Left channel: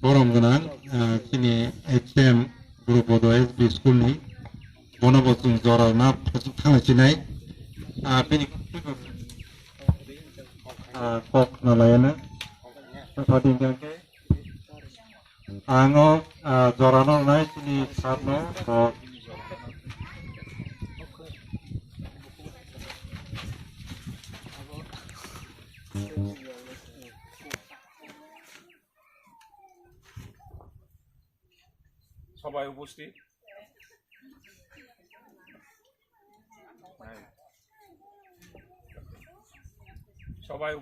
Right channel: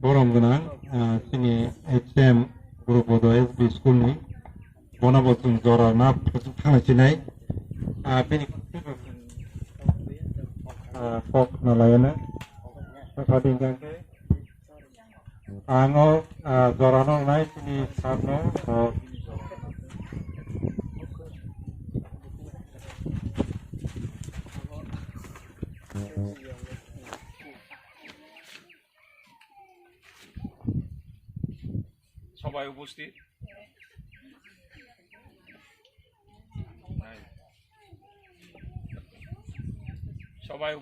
Borong Ganang, Kini HM Guru Bodo SB School ni, Bonabosung Zora na Tanga Chinai, Bini Kok Nalayana, Pading Kangke, Ango Zora no Nai Kini Sarno, সবাই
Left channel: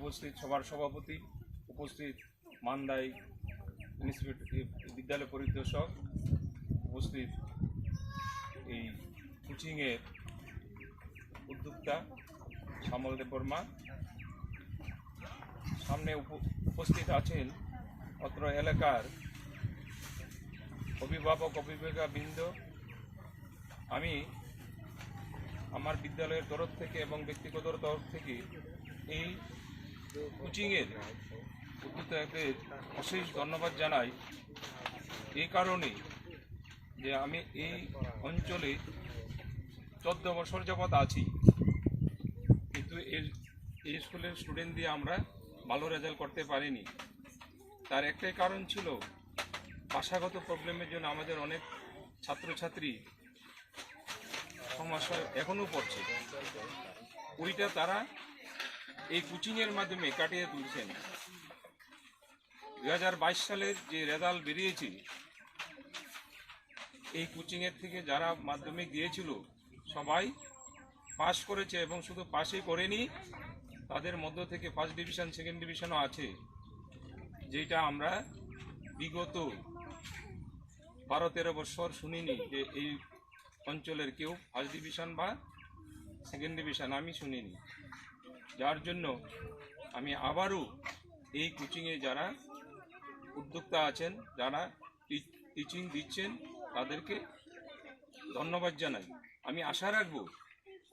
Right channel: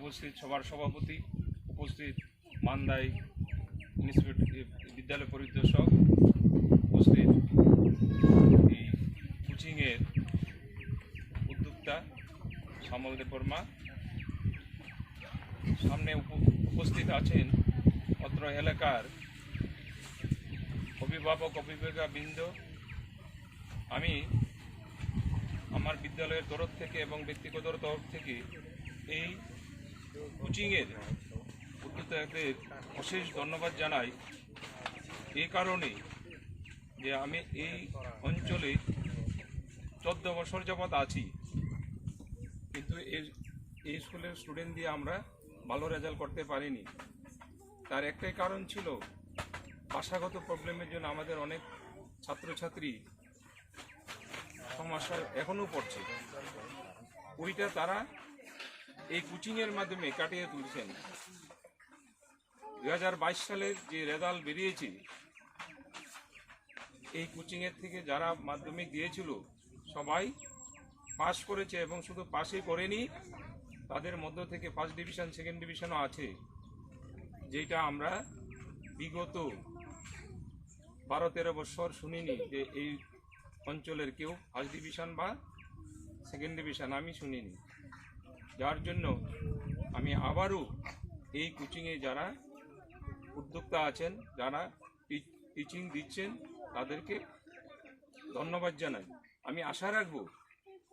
উপস্থিত সবার সভাপতি উপস্থিত মান্দাই বিদ্যালয় পরিদর্শক উপস্থিত এই কোচিংয়ের উদ্যোক্তা শ্যামল দেব বর্মা সামনে উপস্থিত আছেন অত্র এলাকার অভিভাবক অভিভাবিকাবৃন্দ। আমি আমার বিদ্যালয়ের তরফ থেকে এবং ব্যক্তিগত তরফ থেকে এই কোচিংয়ের উদ্যোক্তাদের অশেষ ধন্যবাদ জানাই। এই কারণে যে আমি এই অঞ্চলে 14 বছর যাবৎ আছি, কিন্তু এই স্কুলের স্টুডেন্ট দিয়ে আমরা ভালো রেজাল্ট করতে পারিনি। তার একটাই কারণ ছিল ভাষাগত প্রবলেমের জন্য আমাদের অনেক ছাত্রছাত্রী সমস্যায় এখনও পড়ছে। ওইটা তারা এই কোচিংয়ের মাধ্যমে কাটিয়ে তুলছেন। 2022 সালের যে রেজাল্ট বেরিয়েছে, এই কোচিংয়ের থেকে যারা মাধ্যমিক দিয়েছিল সবাই পাস করেছে, এবং শুধু পাসই করেনি, তাদের মধ্য থেকে ফার্স্ট ডিভিশন সেকেন্ড ডিভিশনও আছে, যেটা আমরা বিগত 12-13 বছর শুনিনি যে এই অঞ্চলের কেউ ফার্স্ট ডিভিশন বা সেকেন্ড ডিভিশন আমি শুনিনি। যার জন্য আমি আবারও এই কোচিংয়ে যারা উদ্যোক্তা আছেন, যারা টিচিং দিচ্ছেন, তাদেরকে ধন্যবাদ জানাই। আমি আশা রাখব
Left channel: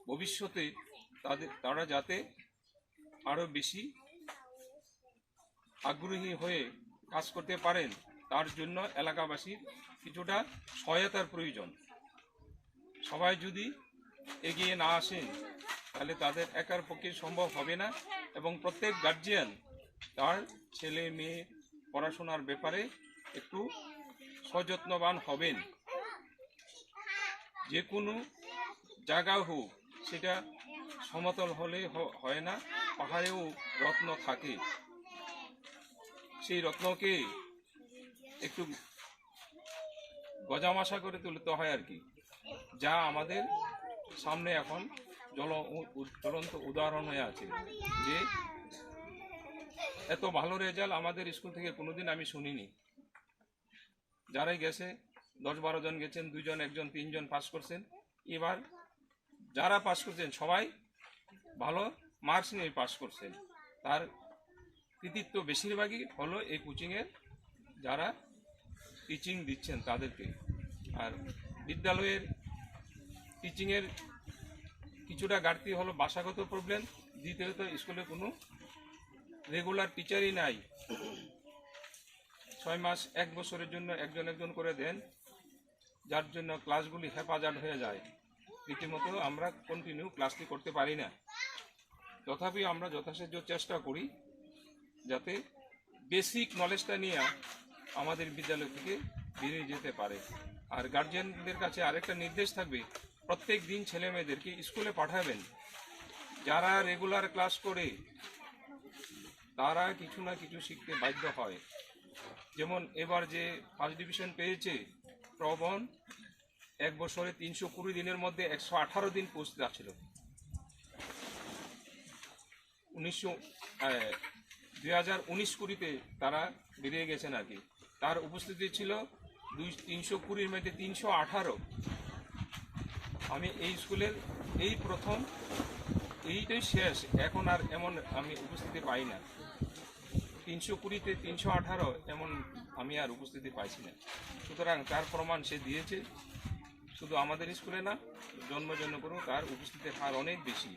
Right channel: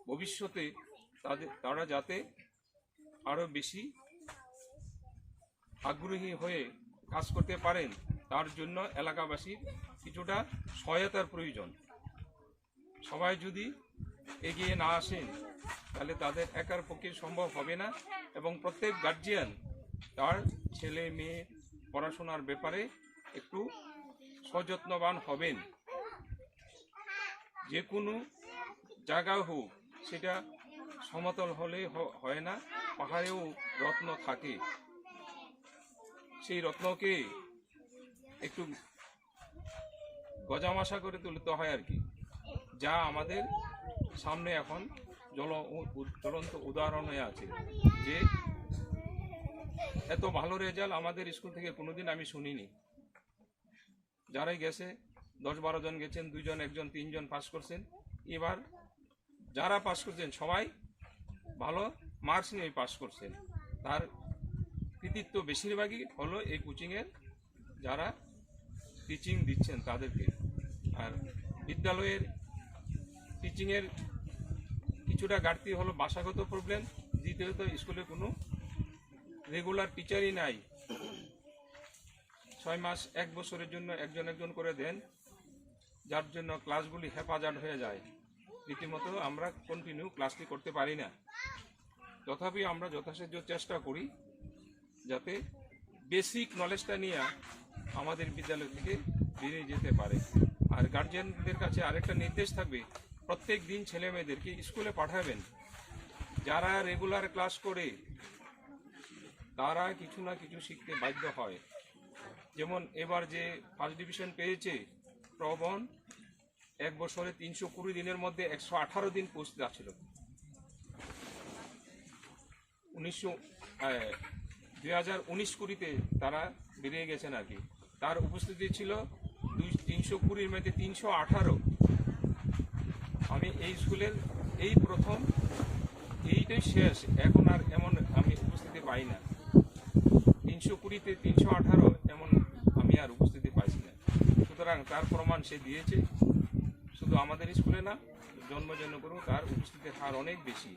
ভবিষ্যতে তারা যাতে আরও বেশি আগ্রহী হয়ে কাজ করতে পারেন। তার জন্য এলাকাবাসীর কিছুটা সহায়তার প্রয়োজন। সবাই যদি এগিয়ে না আসেন তাহলে তাদের একার পক্ষে সম্ভব হবে না, এবং প্রত্যেক গার্জিয়ান তার ছেলে মেয়ে পড়াশোনার ব্যাপারে একটু সযত্নবান হবেন। যে কোনো জায়গা হোক, সেটা সমতল হলে হয় না, পাহাড়েও রত্ন থাকে। সেই রত্নকে একটু গজামাশা করে তুলতে হয় আর কি, যা আমাদের সামনে এখন জ্বলন্ত উদাহরণ হয়ে আছে। যে এত ভালো রেজাল্ট আমাদের স্কুল থেকে কোনোদিন আমি শুনিনি। যারাই গেছে 10-12 জন গেছেন, 2 জন 1 জন 3 জন পাস করছেন। এবার যারা পাস করছেন সবাই ভালো মার্কস নিয়ে পাস করছেন। তার কৃতিত্ব বেশিরভাগই হলো এই কোচিংয়ের যারা টিচিং দিচ্ছেন তাদেরকে। আর বিদ্যালয়ের টিচিংয়ের কিছুটা ঘাটতি হলো ভাষাগত প্রবলেম। দ্বিতীয়ত স্কুলে কোনো রেগুলার টিচারই নাই। 6 মাস 1 বছরের জন্য একজন করে দেন, যার জন্য ক্লাসগুলি হেফাজত হয়ে যায়। রীতিমতো আমরা কন্টিনিউ ক্লাসটি করতে পারি না। তথাপি আমরা যথাসাধ্য চেষ্টা করি যাতে বেসিক নলেজটা নিয়ে আমাদের বিদ্যালয় থেকে বেরিয়ে যেতে পারে। আর গার্জিয়ানদের কাছে আরেকটা নির্দেশ থাকবে, প্রত্যেক দিন ছেলে মেয়েদেরকে স্কুলে পাঠাবেন। যারা রেগুলার ক্লাস করে তারা কিছু না কিছু শিখতে বাধ্য হয়। যেমন এবার যে ফার্স্ট ডিভিশন পেয়েছে প্রবণ, 1 বছরে 320 দিনের মধ্যে 118 দিন পোস্ট ছিল। 2019-20 তারা বেরিয়ে গেছেন আর কি। তার উপস্থিতি ছিল 320-এর মধ্যে 318। আমি এই স্কুলের এই প্রথম, এইটাই শেষ, এখন আর এমন আমি উপস্থিতি পাই না। 320-তে 318 এমন আমি আর উপস্থিতি পাইছি না। সুতরাং তার প্রমাণ সে দিয়েছে। শুধু আমাদের স্কুলে না, জন্মজন্য করেও তার উপস্থিতির হার অনেক বেশি,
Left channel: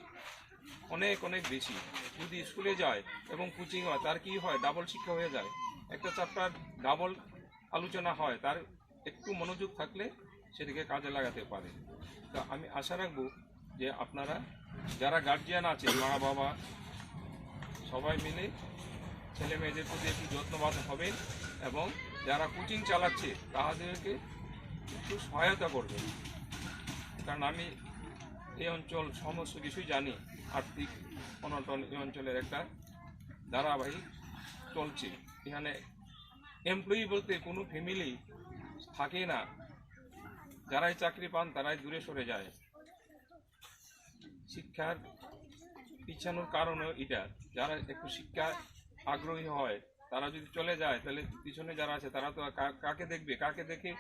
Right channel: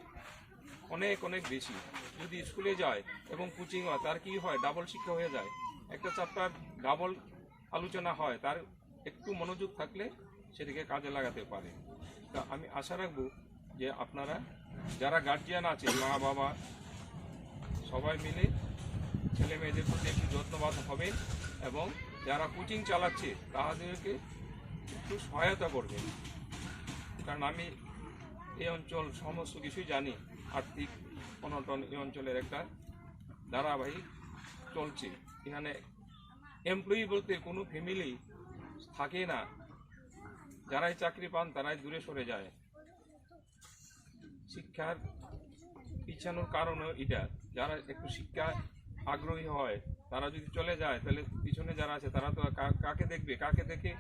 অনেক বেশি। যদি স্কুলে যায় এবং কোচিং হয়, তার কি হয়, ডাবল শিক্ষা হয়ে যায়। একটা চ্যাপ্টার ডাবল আলোচনা হয় তার একটু মনোযোগ থাকলে সেটাকে কাজে লাগাতে পারে। তা আমি আশা রাখবো যে আপনারা যারা গার্জিয়ান আছে, মা বাবা সবাই মিলে ছেলে মেয়েদের প্রতি একটু যত্নবান হবেন এবং যারা কোচিং চালাচ্ছে তাদেরকে একটু সহায়তা করবেন। কারণ আমি এই অঞ্চল সমস্ত কিছুই জানি, আর্থিক অনটন এই অঞ্চলের একটা ধারাবাহিক চলছে। এখানে এমপ্লয়ি বলতে কোনো ফ্যামিলি থাকে না, যারাই চাকরি পান তারাই দূরে সরে যায়। শিক্ষার পিছানোর কারণও এটা, যারা একটু শিক্ষা আগ্রহী হয় তারা যদি চলে যায় তাহলে পিছনে যারা আছে তারা তো কাকে দেখবে, কাকে দেখে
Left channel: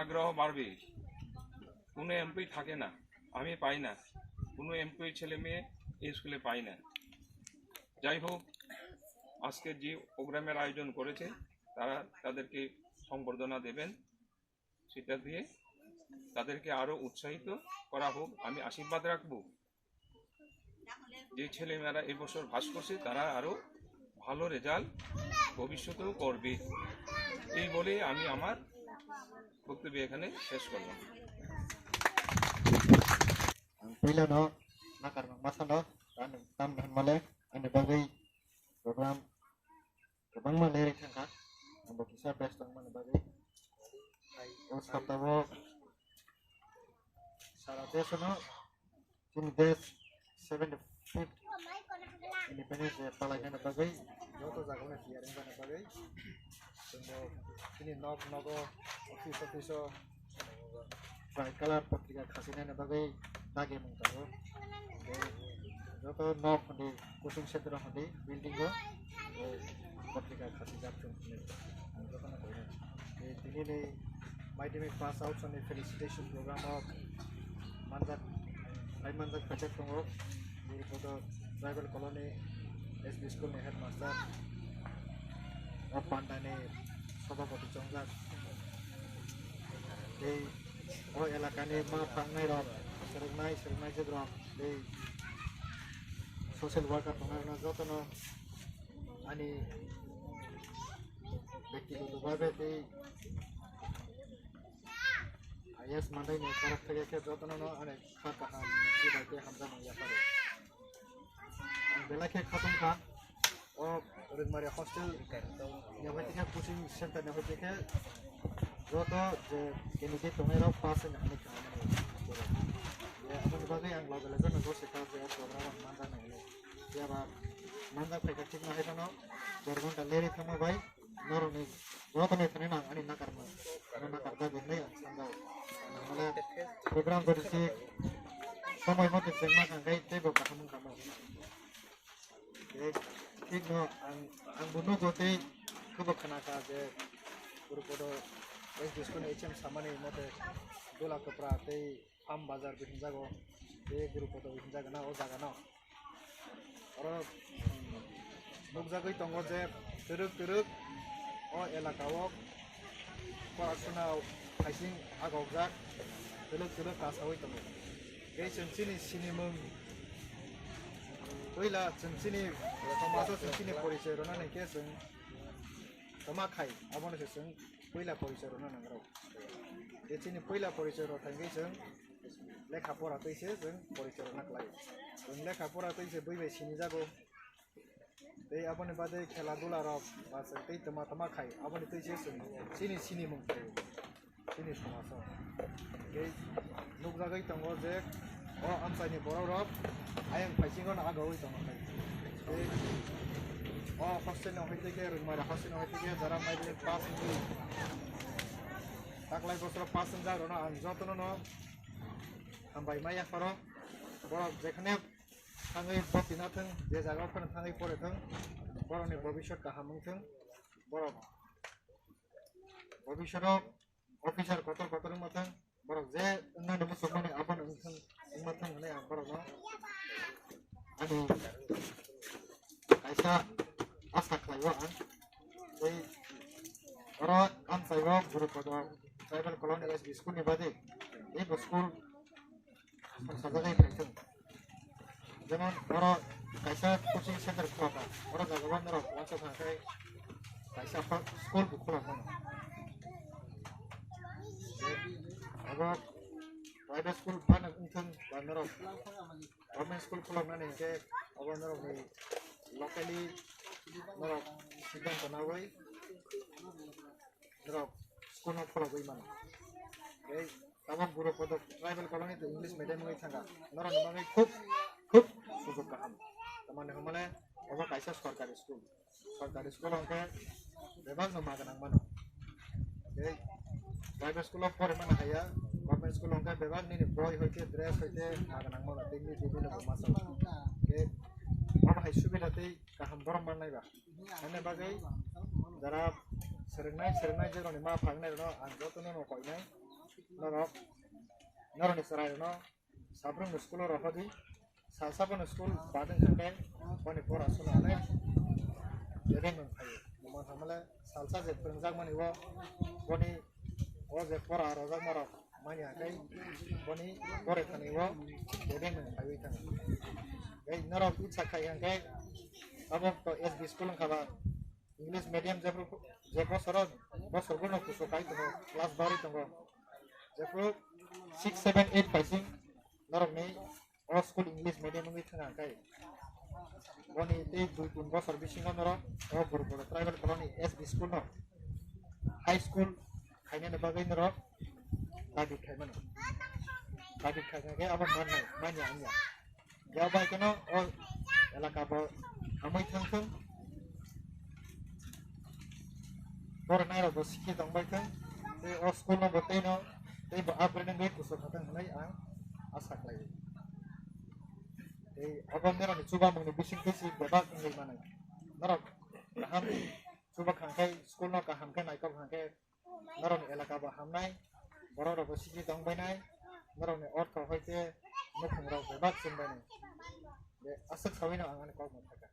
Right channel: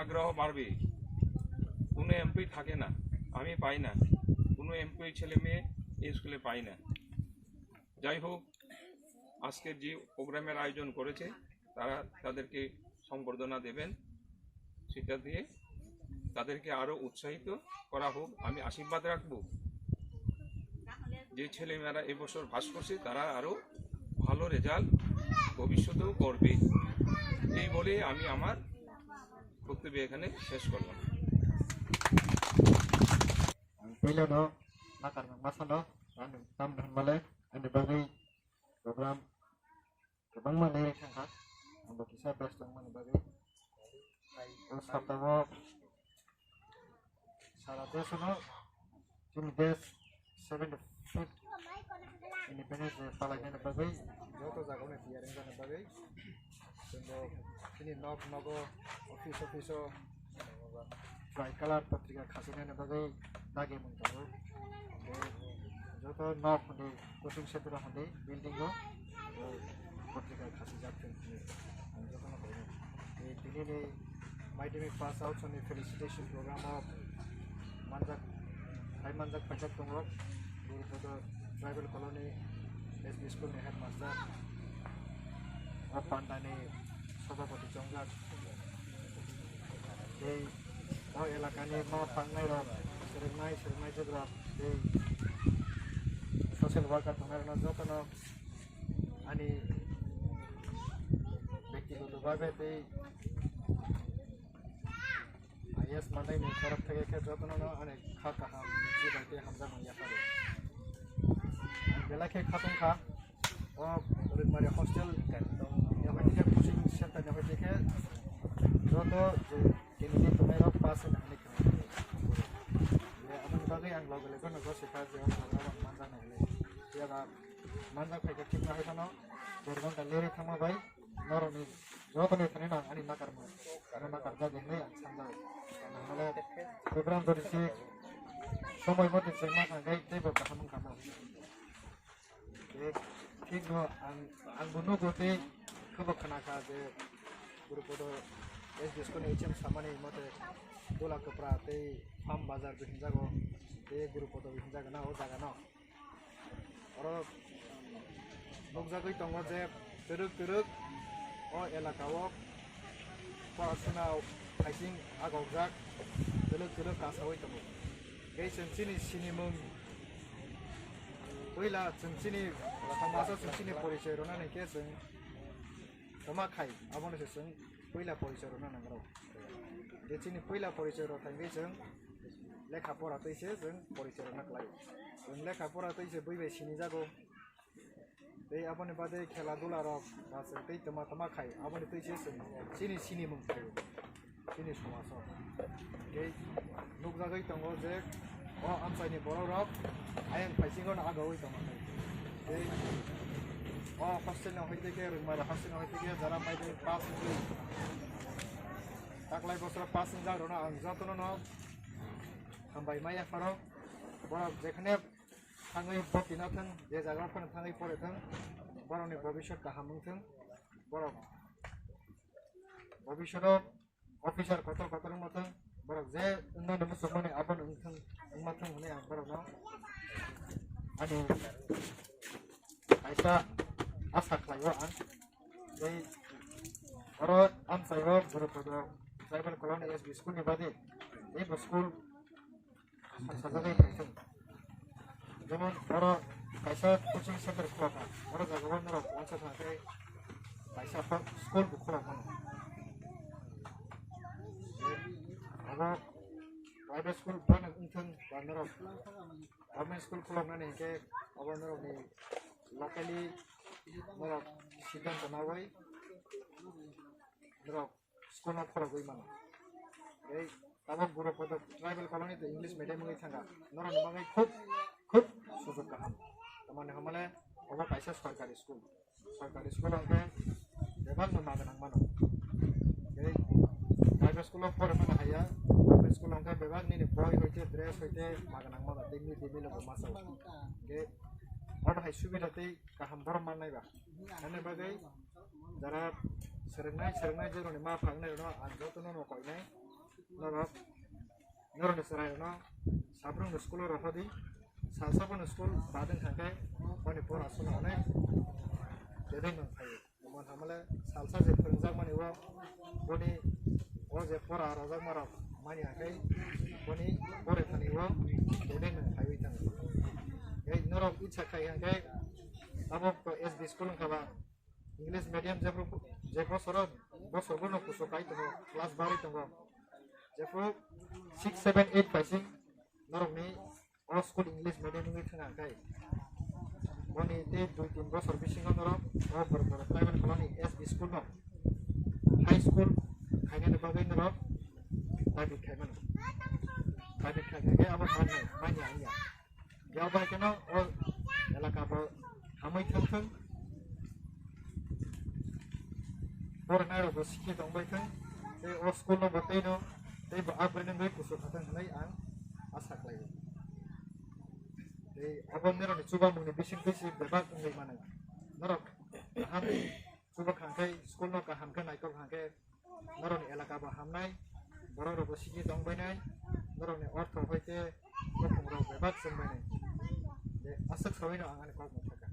আগ্রহ বাড়বে। কোনো এমপ্লয়ি থাকে না, আমি পাই না, কোনো এমপ্লয়ি ছেলে মেয়ে এই স্কুলে পাই না। যাই হোক, আজকের যে প্রোগ্রামের আয়োজন করেছে তারা তাদেরকে সংবর্ধনা দেবেন, সেটা দিয়ে তাদেরকে আরও উৎসাহিত করা হোক। আমি আশীর্বাদ রাখবো যে ছেলেমেয়েরা এবছর পাস করছে তারা আরও ভালো রেজাল্ট ভবিষ্যতেও করবে। এই বলে আমি আমার বক্তব্য এখানে শেষ করলাম। Pila no nakar masa no tam male ani bagai program kebang male rekangka ambo kisah best ang mana bagai os kaptawo sarate sono tim des 75th independence day palagana bagai joto jagone tiaring jana bagai sembo ini nogo office tricolor patrika khasina na bagai lagi mengtahu, jodoh nok di kusung setra di building go, patrika kasih jatuh ni, jodoh nak ini. Ini my pass out on the felicitation program of Manjak, Manjak project tunggu, guru pada tribal colony, SB school ni headmaster, of Pandane, Sobapati Chongjak, oh elakane mau pangai roh. Serenai juga di social worker pengaruh joto no ani ব্যক্তিগত ভাবে is Madai নি তরফ থেকে কে যত না অনেক খা কাহা মিছি বাইতে হামজা মাইয়া পারে বেলা কে খাতুম খা ও রুমারে হস্টেল ইয়াবানি কে কোচিং সেন্টার নে হইতে কে যত যে কেমিজি তোমেরা পাস না হানি খা bagai ang logo lego no gose ka je program manja na hele tiaba manja phai ka thik na hai no dergon ta leri thama bai noroni jotone thane na ani nakar ma ana nakar da de nei sanda male program korisi সময় মতে চেংমা কাঙ্গাই দেব কাহামুং কামো ঠিক no ang buno gote kubo khanaka je gurupodo es disko ne hm samane mote dola kapra tei farm bazar bihin jago এই গুরুপদ বিহিন জায়গা না ও জায়গা না আর লোক জায়গায় দङ যে তরুক ও এলাকাও পড়াশোনা খাইসিং আগজাক তরুক কাসাওই দङ এই जोंसिनि सिनिमुं पहिला जोंसिनि समाजाव जोंसिनि परिचय रनानै के जों तमाखाय आबनोसो जों पहिला परिचय रना नांगौ बेसिनि पहिला परिचय रथांगै जों लेखा पढ़ा तैसे जों परिचय नाख्लायो जों लेखा पढ़ा तैसे बैबाय सिनि जागौ दै आबनि बादै खेला दुला रक बा जों दै तमा खाय आबनि तैसे जों सिनि मुं थायो सिनि समाजाव गे नुक जागै दङ जे अ आमसाइनि बर' रक आयं फाइसिंगन आगावै दङ गे अ हस्टेलाव हयतेके रोंमारा हस्टेलाव हयतेके जारा माइदे पास होई ताकलाय बसर पास जारना आं जतन न हामबाय माया फारो बरफ जेखाने थाङै बतिनाथों जे जायगाफोर थाङै फरायथों बर'नि भबिष्यत गाहामथों बरफ भबिष्यताव अफिसार कत रोंमाथों बरफ जे उन्नानै मुसुमनि आबन ओंथों ओंमाथों होननाय आं बरफनाव आंनि खायसा आसा खालायो आं बै बर' आमसायाव गुरुपद ट्राइबेल कल'नि एसबि स्कुलनि बादै बे स्कुल संसारजों फैथों जेमन बर' खायसा कोचिं सेन्टार खुलाबा बर' जायगायाव नर वानस थाखाय खायसा school खुलाबा abo private school bana unthung banarok government school khuloknani ke abo narok ni locally narok siddhanta nawai narok school no khulogoi mano ei tabok gurupodo tribal colony to english medium ngai thanga narok ni bangai khub sujog kaham tamane homale abo kaisa sarkari school angke bebang no maganang mano ei private school pore mana haya government school angke bebang ni boy hoite dress hoite maganang mano temi debilo masau ke abo hai subida tei kaham borom manai ba ane bagai jara serengnai jero ni ma phangnai no ang jotono no koinai norok ni serai no sabrong no school ro hodi sabon school badeng thangkai boni pora suna onai jebeng nang phayo mon hamale salsa je prengjak mani wo boni o je pora rojak marok mani akai boni pore thani wo jebeng nang phayo thang ei norok ichha khai hangkai abo to SB school khaba english medium je bosor gono kuso kai to class bari to jepro 6 7 8 paising norok ni all school english medium ngi thanga kai boni te 2-3 bosor bisingo norok o burgoro tribal colony SB school no high school khaine bagai norok dabi khai mano dabi khai ge abo manai manya anya ya bai kano o elaka bo amai thang borna ro sikhi dongbai thang te o school no gotei no tei bo upgrade ngai kuso khatang hanai ang asa khlai tei abon nero ni chuba mungni bising kesi bebak ngai manai norok kaham chuba khangkai school no kaham ka naikok khangkai norok ni elaka bo hamnai boro ro bo sikhi dongbai nai norok ni ortho hoite bokhong ro bebak chungbai nai de asak sawino ang ani kok mo thaka